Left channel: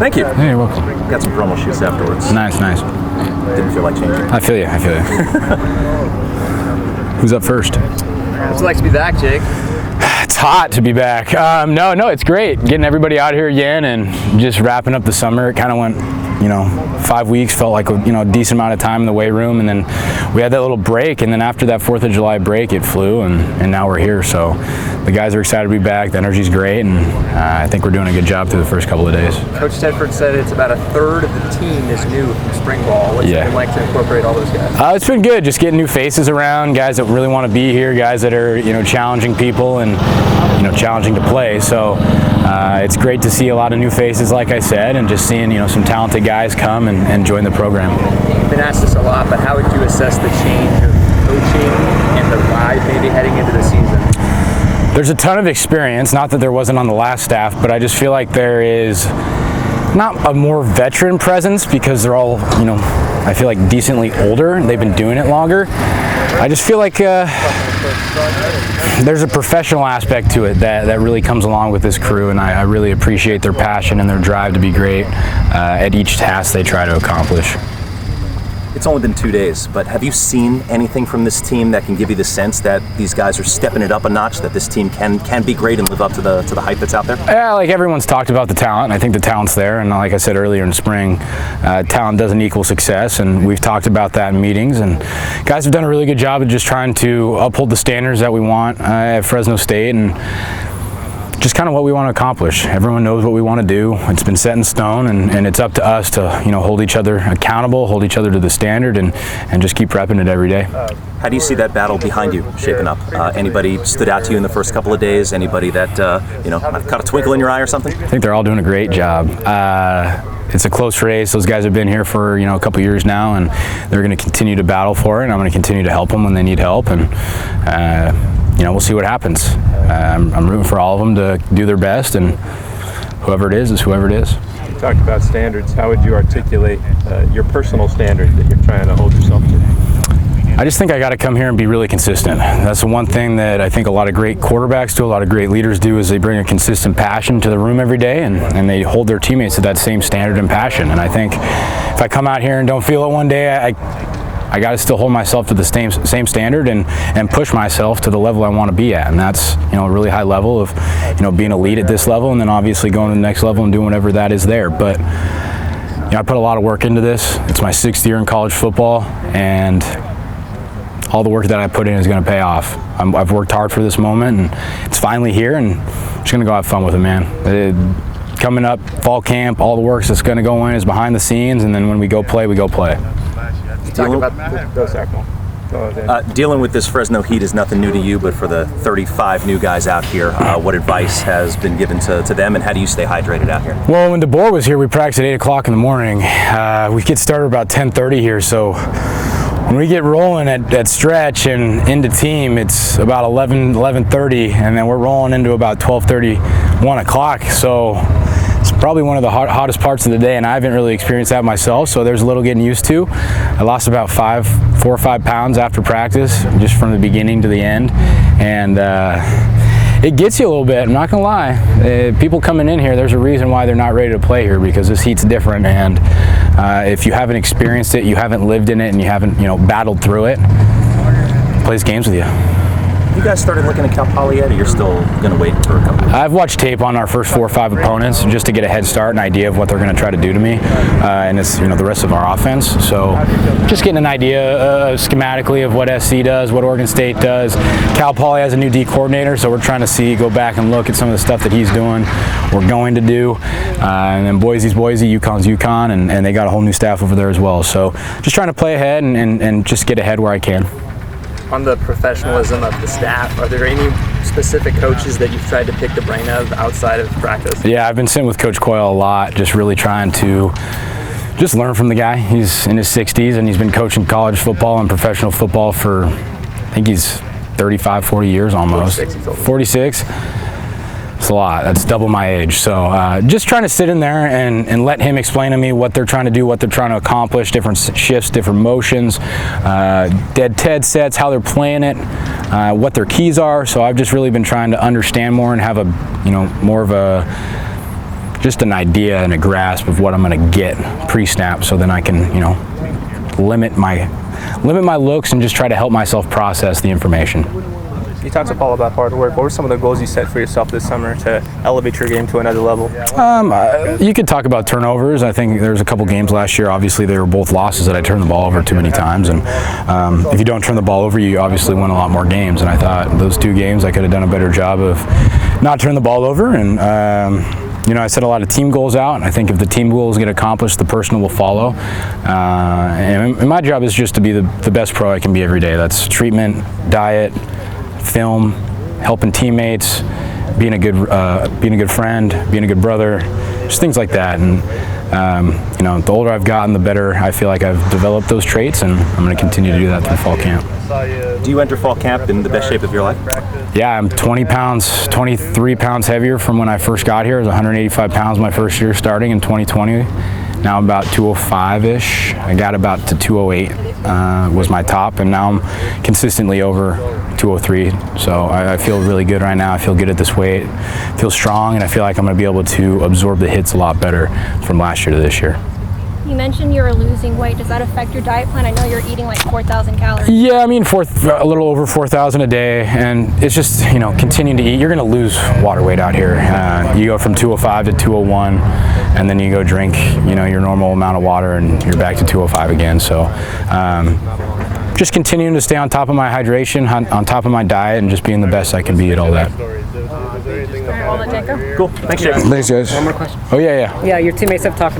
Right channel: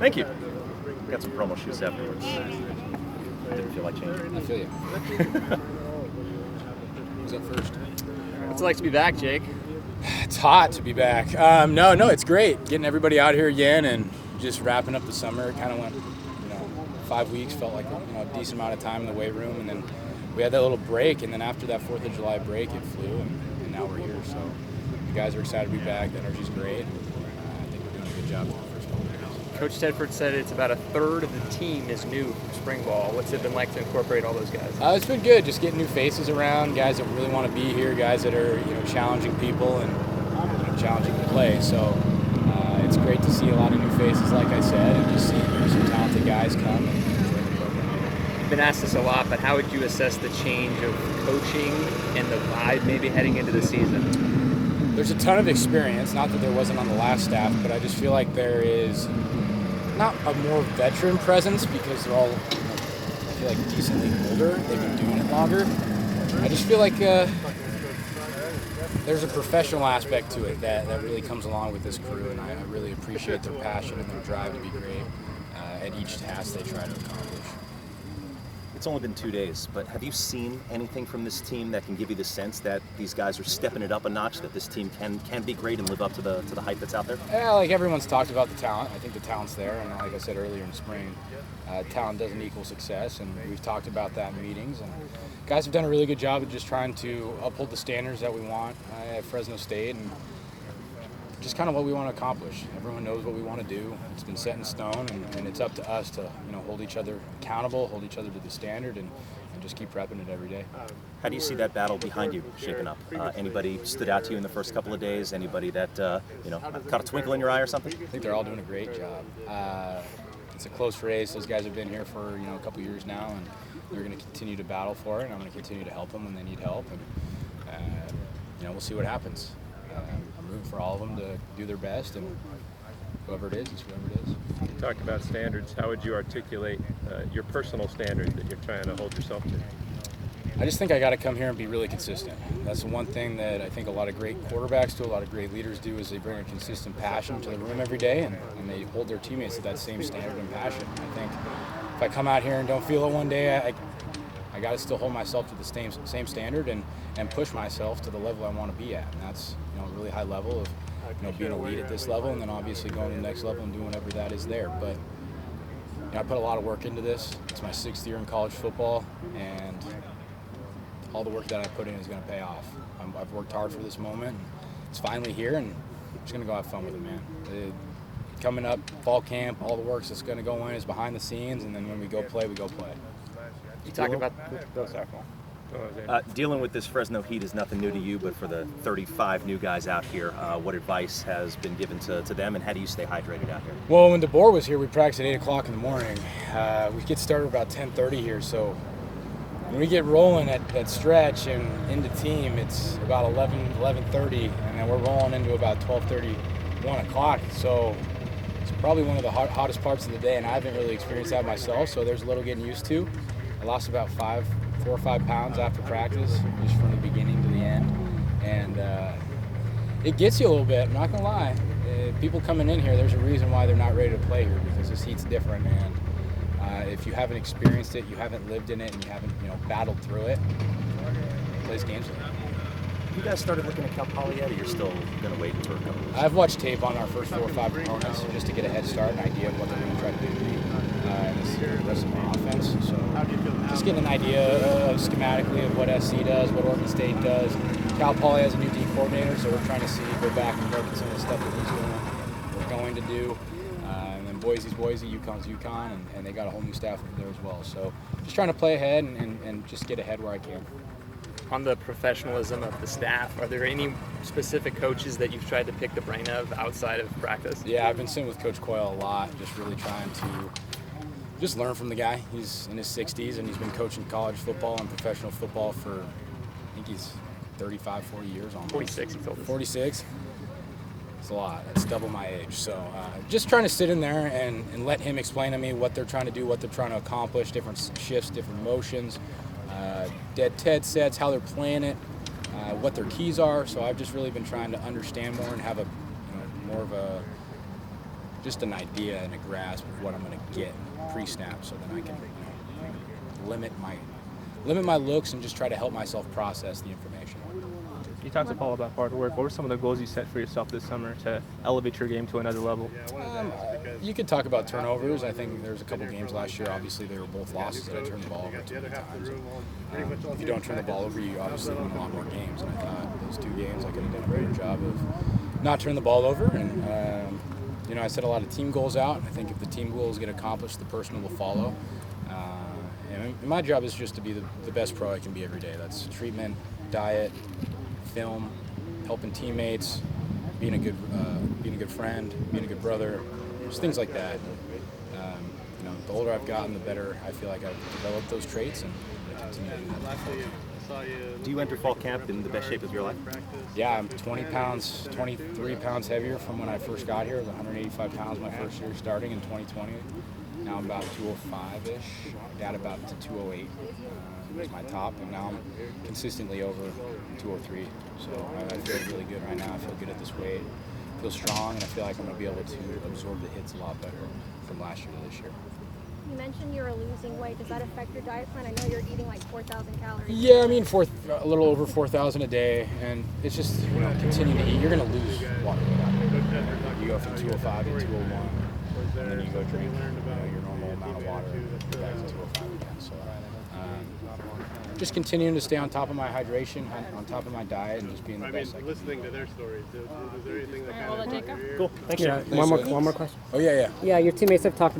Thank you. Hey, you're welcome. Got some promo shoots afterwards. Nice. Didn't feel like changing. I feel you. Who's up first? What's it like to be back, Jake? It's hot to be back. No, it's great. Getting everybody out here again and just wrapping up the summer. It kind of went, 5 weeks, felt like a decent amount of time in the weight room, and then we had that little break, and then after that 4th of July break, it flew, and now we're here. So the guys are excited to be back. The energy's great, and I think we're doing a good job through the first couple of days. Coach Tedford said it's about a third of the team is new from spring ball. What's it been like to incorporate all those guys? It's been good, just getting new faces around, guys that really want to be here, guys that are challenging people and challenging to play. So it's great to see a lot of new faces, like I said, and just seeing some talented guys come and join the program. You've been asked this a lot, but how would you assess the change of coaching and the vibe maybe heading into the season? There's a ton of experience, not that there wasn't on the last staff, but I just feel like there is not a more veteran presence because they're all, I feel like decently older. They've been doing it longer. I just feel like there's a professional aspect to it that really comes along with this crew, and I really appreciate their passion and their drive to be great at each task they try to accomplish. It's only been 2 days, but have you seen anything from this team that can give you the sense that these guys are stepping it up a notch, that this team can be great and live up to the hype that's out there? Yeah, like everyone's talked about the talent, and I think the talent's there, and like I said earlier in spring, talent doesn't equal success, and we've talked about that in meetings, and guys have done a really good job of just trying to uphold the standards that we want at Fresno State, and just kind of what we want to accomplish. Everyone knows what we want to do. It's been set in stone, and it's up to us to hold each other accountable, hold each other to the standard, and just keep prepping it every day. How do you see that battle behind you shaping up? Anybody stood out to you in the first couple of days? Anybody that might caught a twinkle in your eye or something? I think they're all doing a great job. It's a close race. Those guys have been here for a couple years now, and they're going to continue to battle for it. And I'm going to continue to help them when they need help, and we'll see what happens. I'm rooting for all of them to do their best, and whoever it is whoever it is. You talked about standards. How would you articulate your personal standard that you're trying to hold yourself to? I just think I got to come here and be really consistent. That's the one thing that I think a lot of great quarterbacks do, a lot of great leaders do, is they bring a consistent passion to the room every day, and they hold their teammates to that same standard and passion. And I think if I come out here and don't feel it one day, I got to still hold myself to the same standard and push myself to the level I want to be at, and that's a really high level of being elite at this level, and then obviously going to the next level and doing whatever that is there. But I put a lot of work into this. It's my 6th year in college football, and all the work that I put in is going to pay off. I've worked hard for this moment, and it's finally here, and I'm just going to go have fun with it, man. Coming up, fall camp, all the work that's going to go in is behind the scenes, and then when we go play, we go play. Dealing with this Fresno heat is nothing new to you, but for the 35 new guys out here, what advice has been given to them, and how do you stay hydrated out here? Well, when DeBoer was here, we practiced at 8 o'clock in the morning. We get started about 10:30 here, so when we get rolling at stretch and into team, it's about 11:30, and then we're rolling into about 12:30, 1 o'clock. So it's probably one of the hottest parts of the day, and I haven't really experienced that myself, so there's a little getting used to. I lost about 4 or 5 pounds after practice, just from the beginning to the end, and it gets you a little bit, I'm not gonna lie. People coming in here, there's a reason why they're not ready to play here, because this heat's different, and if you haven't experienced it, you haven't lived in it, and you haven't battled through it, it plays games with you. You guys started looking at Cal Poly yet, or you're still going to wait for a couple? I've watched tape on our first 4 or 5 opponents just to get a head start, an idea of what they're going to try to do to me, and it's the rest of our offense. So just getting an idea schematically of what SC does, what Oregon State does. Cal Poly has a new D coordinator, so we're trying to go back and look at some of the stuff that he's doing, we're going to do, and then Boise's Boise, UConn's UConn, and they got a whole new staff over there as well. So just trying to play ahead and just get ahead where I can. On the professionalism of the staff, are there any specific coaches that you've tried to pick the brain of outside of practice? Yeah, I've been sitting with Coach Coyle a lot, just really trying to just learn from the guy. He's in his 60s, and he's been coaching college football and professional football for, I think he's 35, 40 years almost. 46. It's a lot. That's double my age. So just trying to sit in there and let him explain to me what they're trying to do, what they're trying to accomplish, different shifts, different motions, dead Ted sets, how they're playing it, what their keys are. So I've just really been trying to understand more and have a, more of a just an idea and a grasp of what I'm going to get pre-snap, so then I can, you know, limit my looks and just try to help myself process the information. You talked to Paul about hard work. What were some of the goals you set for yourself this summer to elevate your game to another level? You could talk about turnovers. I think there was a couple games last year. Obviously, they were both losses that I turned the ball over too many times. And if you don't turn the ball over, you obviously win a lot more games. And I thought those 2 games I could have done a better job of not turning the ball over. And you know, I set a lot of team goals out, and I think if the team goals get accomplished, the personal will follow. And my job is just to be the best pro I can be every day. That's treatment, diet, film, helping teammates, being a good friend, being a good brother, just things like that. And you know, the older I've gotten, the better I feel like I've developed those traits, and I'm going to continue to do that through fall camp. Do you enter fall camp in the best shape of your life? Yeah, I'm 23 pounds heavier from when I first got here. I was 185 pounds my first year starting in 2020. Now I'm about 205-ish. I got about to 208 was my top, and now I'm consistently over 203. So I feel really good right now. I feel good at this weight. I feel strong, and I feel like I'm going to be able to absorb the hits a lot better from last year to this year. You mentioned you were losing weight. Does that affect your diet plan? I know you're eating like 4,000 calories. Yeah, I mean, a little over 4,000 a day, and it's just, you know, continuing to eat. You're going to lose water weight out here. You go from 205 to 201, and then you go drink, you know, your normal amount of water, and you're back to 205 again. So just continuing to stay on top of my hydration, on top of my diet, and just being the best I can be at all that. All right, we'll let Jake go. Cool. Thanks, Jake. Thanks, guys. One more question. Oh, yeah. Yeah, your teammates have talked